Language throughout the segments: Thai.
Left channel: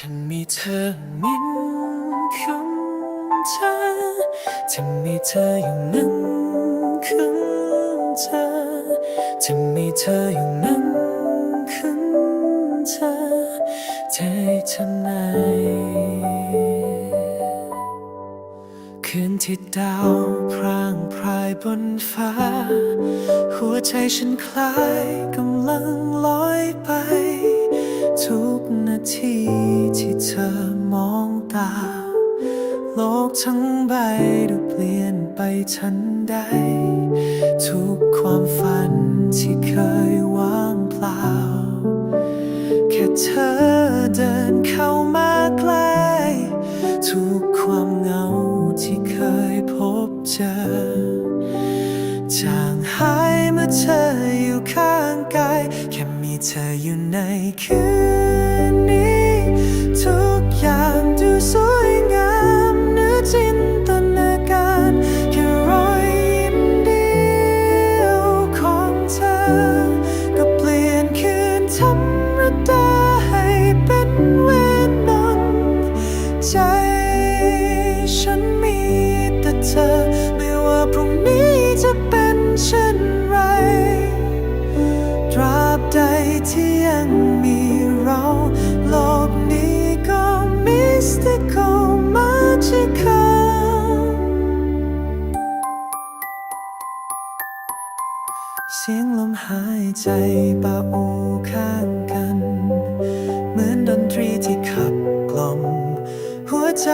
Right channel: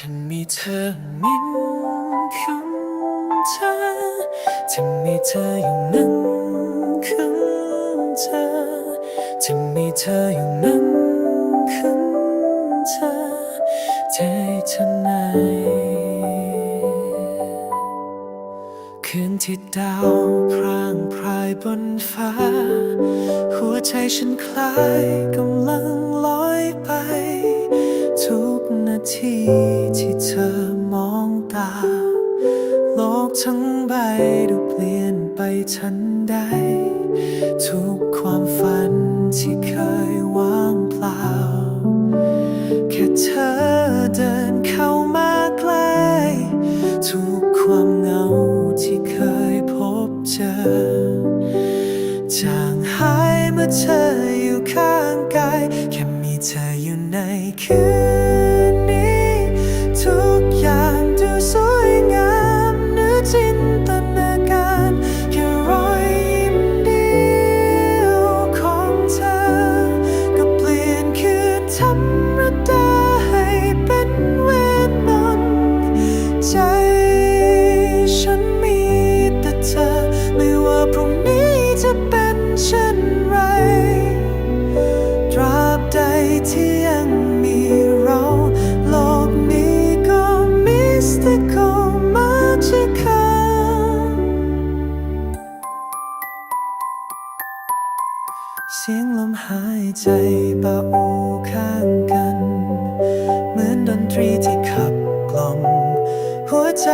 ฉันมีเธอมิ้นคำเธอจะมีเธออยู่นั้นคำเธอจะมีเธออยู่นั้นคำเธอใจเธอไหนคืนที่ดาวพรางพรายบนฟ้า หัวใจฉันคล้ายกำลังลอยไป ทุกนาทีที่เธอมองตา โลกทั้งใบดูเปลี่ยนไปทันใด ทุกความฝันที่เคยว่างเปล่า แค่เธอเดินเข้ามาใกล้ทุกความเหงาที่เคยพบเจอ จางหายเมื่อเธออยู่ข้างกายแค่ เธออยู่ในคืนนี้ ทุกอย่างดูสวยงามเนื้อจินตนาการแค่รอยยิ้มเดียวของเธอ ก็เปลี่ยนคืนธรรมดาให้เป็นเวทมนต์ใจฉันมีแต่เธอ ไม่ว่าพรุ่งนี้จะเป็น บใดที่ยังมีเรา โลกนี้ก็มิสติคอลมาจิคอเสียงลมหายใจปะอูข้างกัน เหมือนดนตรีที่ขับกล่อม หัวใจ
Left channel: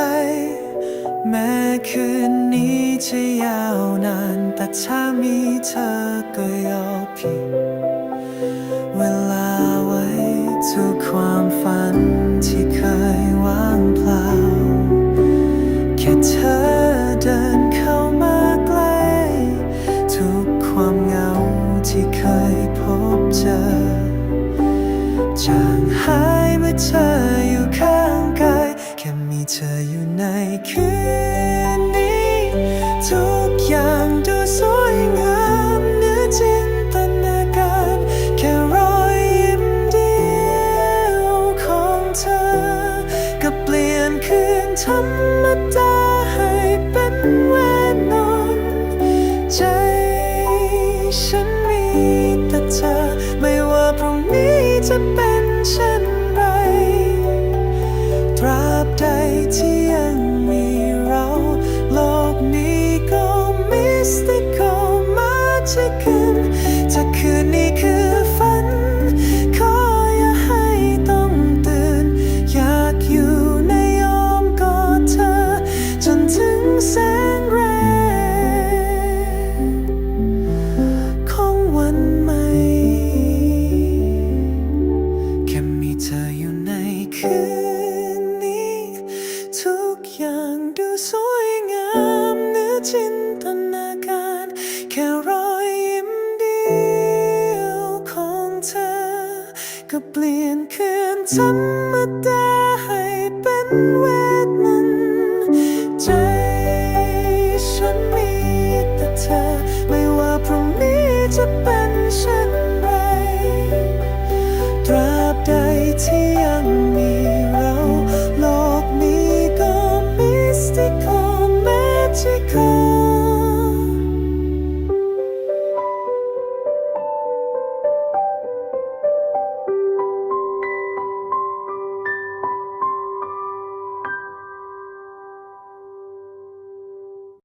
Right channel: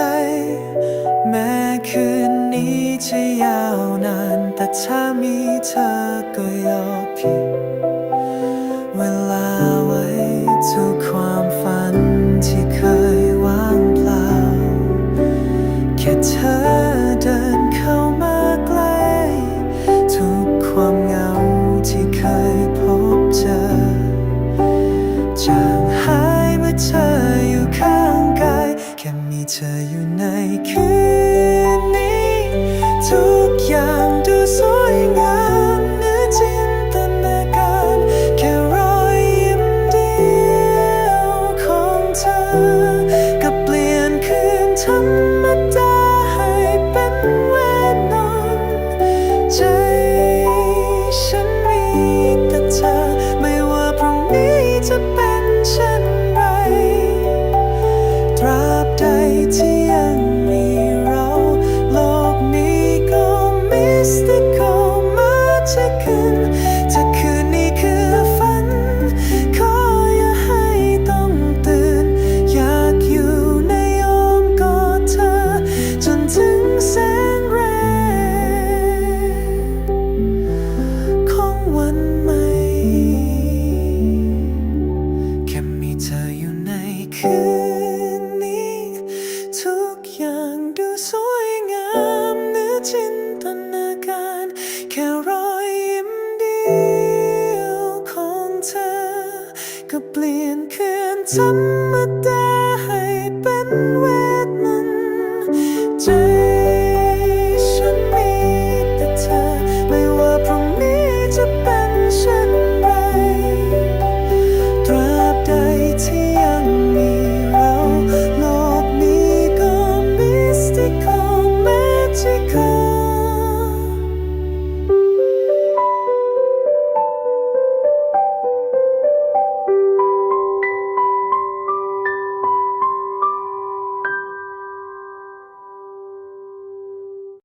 แม้คืนนี้จะยาวนาน แต่ถ้ามีเธอก็ยอมผิด ทุกความฝันที่เคยว่างเปล่า แค่เธอเดินเข้ามาใกล้ทุกความเหงาที่เคยพบเจอ จางหายเมื่อเธออยู่ข้างกาย แค่มีเธออยู่ในคืนนี้ ทุกอย่างดูสวยงามเนื้อจินต ธรรมดาให้เป็นเวนนอนใจฉันมีแต่เธอ ไม่ว่าพรุ่งนี้จะเป็นเช่นไร ตราบใดที่ยังมี ถึงแสงแรกของวันใหม่ แค่มีเธออยู่ในคืนนี้ ทุกอย่างดูสวยงามเหนือจินตนาการ แค่รอยยิ้มเดียวของเธอ ก็เปลี่ยนคืนธรรมดาให้เป็นเว จะเป็นเช่นไร ตราบใดที่ยังมีเรา โลกนี้ก็มิสติคอลแมจิคอ